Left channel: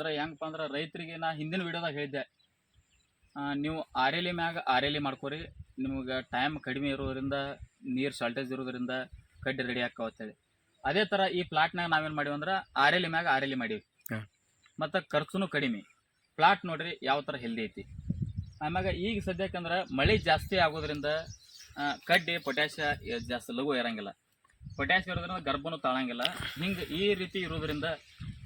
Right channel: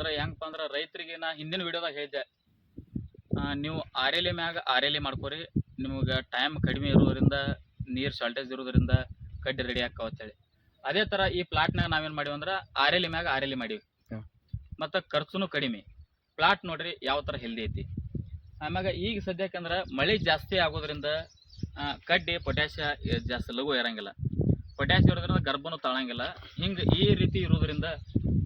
ಅಂದ್ರೆ ಹೆಂಗಪ್ಪ ಅಂದ್ರೆ ರೈತರಿಗೆ ನಾ ಹಿಂದಿನ ವಿಡಿಯೋದಾಗ ಹೇಳಿದ್ದೆ, ನೀವು ಆರೇಲಿ ಮ್ಯಾಗ ಆರೇಲಿ ಮಾಡ್ಕೊರಿ, ನಿಮಗೆ ಟೈಮ್ ಕಡಿಮೆ ಇರೋದ್ರಿಂದ ನೀರು ಶಾರ್ಟೇಜ್ ಇರೋದ್ರಿಂದ ಕಡ್ಡಿ ರೆಡಿ ಆಕ್ಕವತ್ತೇಳಿ. ಅದೇ ಥರ ಈ ಪ್ಲಾಟ್ನಾಗ ನಾವೇನು ಮಾಡೀವಿ ಅಂದ್ರೆ ಆರೇಲಿ ಮ್ಯಾಗ ಆರೇಲಿ ಮಾಡೀವಿ. ಮತ್ತು ಖರ್ಚುನು ಕಡಿಮೆ. ಪ್ಲಾಟ್ ನೋಡ್ರಿ ಯಾವ ಥರ ಹೆಲ್ದಿ ಐತಿ. ಆಮ್ಯಾಗ ಈಗ ಸದ್ಯಕ್ಕಂದ್ರೆ ಮಳೆ ಜಾಸ್ತಿ ಆಗೋದ್ರಿಂದ ಕಡ್ಡಿ ಪೊಟ್ಯಾಷಿಯ ಜಾಸ್ತಿ ಲಘು ಇರೋಂಗಿಲ್ಲ. ಪೊಟ್ಯಾಷಿಯ ಇರೋದ್ರಿಂದ ಗರ್ಭನೂ ತಾಳಂಗಿಲ್ಲ. ಹಿಂಗೆ ಈ ರೀತಿ ಇರೋದ್ರಿಂದ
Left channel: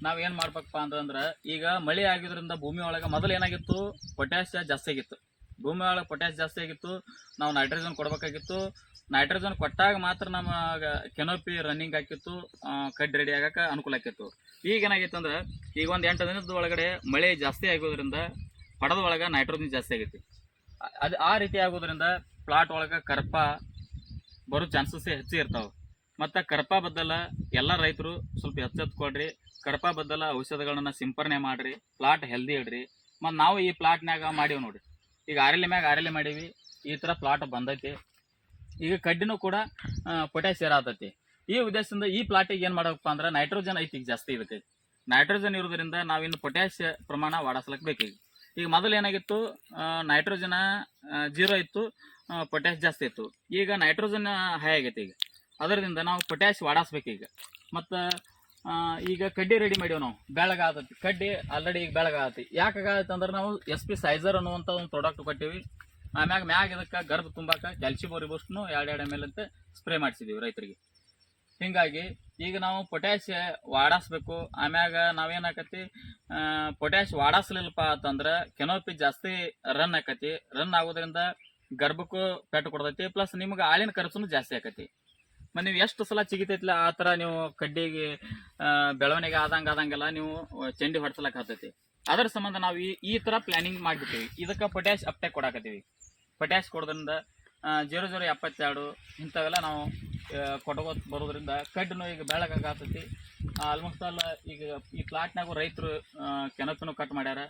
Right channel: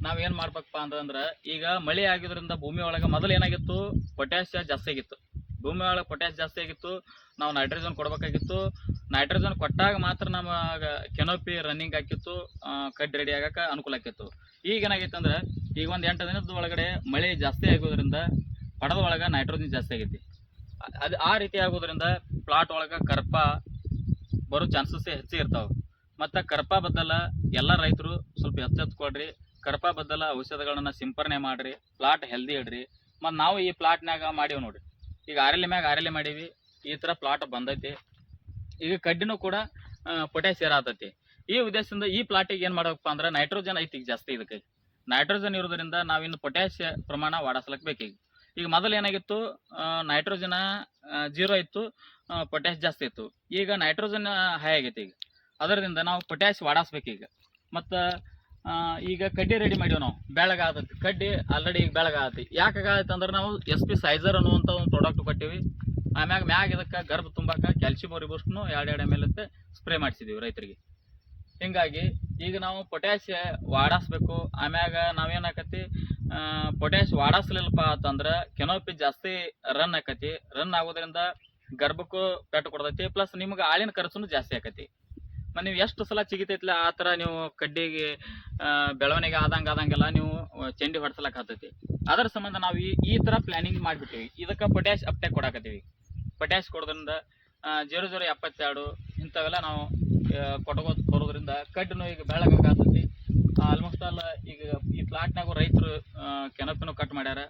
ನಾವೇನು ಮಾಡ್ಬೇಕಪ್ಪ ಅಂತಂದ್ರೆ, ಈಗ ಮಳೆ ಆಗಿದ್ರಿಂದ ಭೂಮಿ ಒಳಗೆ ಮೊದಲು ಏನಾಗಿತ್ತು, ಪೊಟ್ಯಾಷಿಯ ಜಾಸ್ತಿ ಆಗಿತ್ತು. ಭೂಮಿ ಒಳಗೆ ಪೊಟ್ಯಾಷ್ ಜಾಸ್ತಿ ಆಗಿತ್ತು, ನಾವು ನೈಟ್ರೋಜನ್ ಕೊಡಬೇಕಾಗಿತ್ತು. ನೈಟ್ರೋಜನ್ ಕೊಟ್ಟಾಗ ಮಾತ್ರ ನಮ್ಮ ಕೆನೋಪಿ ರನ್ನಿಂಗ್ ಹಾಕಿತ್ತು, ಕಡ್ಡಿ ರೆಡಿ ಆಗೋಕೆ ಅನುಕೂಲ ಆಕಿತ್ತು. ಈಗ ಏನಾಗಿತ್ತು ಅಂದರೆ, ಈಗ ಒಂದು 8 ದಿನದ ಒಳಗಡೆ ಮಳೆ ಜಾಸ್ತಿ ಆಗೋದ್ರಿಂದ ಪಡದ ಒಳಗೆ ನೈಟ್ರೋಜನ್ ಜಾಸ್ತಿ ಆಗೈತಿ. ಅದು ಆ ರೀತಿ ಆಗೋದ್ರಿಂದ ಪ್ಲಾಟ್ ಒಳಗೆ ಕರ್ಪ ಬರೋ ಚಾನ್ಸಸ್ಸೇ ಹೆಚ್ಚು ಇರ್ತಾವೆ. ಮತ್ತು ಕರ್ಪ ಬದ್ದಲ ಎಲ್ಲ ರೈತರು ಸ್ವಲ್ಪ ಎಚ್ಚೆತ್ಕೊಳ್ರಿ. ಕರ್ಪ ಬದ್ದಲ ಔಷಧಗಳನ್ನ ಸಿಂಪರಣೆ ಮಾಡಿರಿ, ಪ್ಲಾಟ್ ಹೆಲ್ದಿ ಇಡ್ರಿ. ಮತ್ತು ನಾವು ಈ ಪ್ಲಾಟ್ನಾಗ ಮಾಡೀವಿ ನೋಡಿರಿ, ಈಗ ಆರೇಲಿ ಮ್ಯಾಗ ಆರೇಲಿ ಮಾಡೀವಿ, ಈ ಥರ ಪ್ಲಾಟ್ ಬಂದೈತಿ. ಈಗ ಕಡ್ಡಿನೂ ಕೂಡ ಪೊಟ್ಯಾಷ್ ಆತೈತಿ. ಈ ಉದ್ದೇಶದಿಂದ ಈ ಪ್ಲಾಟಿಗೆ ಏನು ಮಾಡಬೇಕಪ್ಪ ಅಂದ್ರೆ, ನೈಟ್ರೋಜನ್ ಐತಿ ಈಗ ಜಾಸ್ತಿ. ಇದಕ್ಕೆ ನೈಟ್ರೋಜನ್ ಇರೋದ್ರಿಂದ ನಾವಿನ್ನು ಪೊಟ್ಯಾಷ್ ಪ್ರಮಾಣ ವಾಡಿಸ್ಲಿಕ್ಕೆ ಬೇಕು. ಈಗ ಮೊದಲು ಏನಾಗಿತ್ತು, ನೈಟ್ರೋಜನ್ 0 ಇತ್ತು, ಪೊಟ್ಯಾಷ್ ಜಾಸ್ತಿ ಇತ್ತು. ಈಗ ನೈಟ್ರೋಜನ್ ಹೈ ಆಗೈತಿ. ಈಗ ಅದರಿಂದ ನಾವು ಪೊಟ್ಯಾಷ್ ವಾಡಿಸ್ಬೇಕು ಈಗ. ಮತ್ತು ಈಗ ಕಡ್ಡಿ ರೆಡಿ ಮಾಡೀವಿ ನಾವು, ಬೆಳಗಾಗತ್ತೆ ಕಡ್ಡಿ ಆಲ್ರೆಡಿ ಈಗ ಬೆಳಗಾಗತ್ತೆ. ಯಾಕಾಗತ್ತೆ ಅಂದ್ರೆ, ನಾವು SP ಸೈಜರ್ ಅನ್ನುವಂಥ ಒಂದು ಪ್ರಾಡಕ್ಟ್ ಕೊಟ್ಟಿವಿ. ಮ್ಯಾಗ ಇದಕ್ಕೆ ಗರ್ಭ ತುಂಬಾಕ ಕ್ಯಾಲ್ಸಿಯಂ ರಿಬೂಸ್ಟ್ನು 2 ml ಅಂತ ಸ್ಪ್ರೇ ಮಾಡಿಸಿದ್ದೀವಿ ರೈತರಿಗೆ. ಹೀಗಾಗಿ ಈಗ ನಾವು ಪೊಟ್ಯಾಷ್ ವಾಡಿಸ್ಬೇಕು. ಆಮ್ಯಾಗ ನಾವೇನಾಕತಿ, ಪೊಟ್ಯಾಷ್ ವಾಡಿಸ್ಲಿಲ್ಲಪ್ಪ ಅಂತಂದ್ರೆ ಕೆನೋಪಿ ಜಾಸ್ತಿ ರನ್ ಆಕತಿ. ರನ್ ಆಗೋದ್ರಿಂದ ಗರ್ಭಕ್ಕೂ ಪೆಟ್ಟು ಕೊಡ್ತೈತಿ, ಪ್ಲಸ್ ನಿಮ್ಗೆ ಆಳಿನ ಖರ್ಚು ಜಾಸ್ತಿ ಆಕತಿ. ಮತ್ತು ನೀವು ಎಷ್ಟು ಸಲ ಚಿಗಿತೈತಿಲ್ಲ ಆ ಥರ ನೀವು ಕಡ್ಡಿಗೆ ಬೆಳವಣಿಗೆ ಆದಂಗೆಲ್ಲ ನೀವು ಚೆಂಡಿ ಹೊಡ್ಸಲಕ್ಕೆ ಆಗ್ತೈತಿ. ಅದರ ಸಂಬಂಧ ನಾವು ಈ ಥರ ಪ್ಲ್ಯಾನಿಂಗ್ ಮಾಡಿಬಿಡ್ತೀವಿ. ಇದಕ್ಕೆ ಪೊಟ್ಯಾಷ್ ಅಪ್ಟೇಕ್ ಕೊಡಾಕತ್ತೀವಿ. ಪೊಟ್ಯಾಷ್ ಕೊಡೋದ್ರಿಂದ 0072 ಇಂಥವೆಲ್ಲ ನಾವು ಬರೋದ್ರಿಂದ ಕಡ್ಡಿನೂ ಈಗ ಬೆಳಗಾಗತ್ತೈತಿ. ಆಲ್ಮೋಸ್ಟ್ ಆಲ್ ಈಗ ಈ ಪ್ಲಾಟ್ನಾಗೂ ರೈತರು ಕೆನೋಪಿನೂ ಕಟ್ ಮಾಡ್ಯಾರ.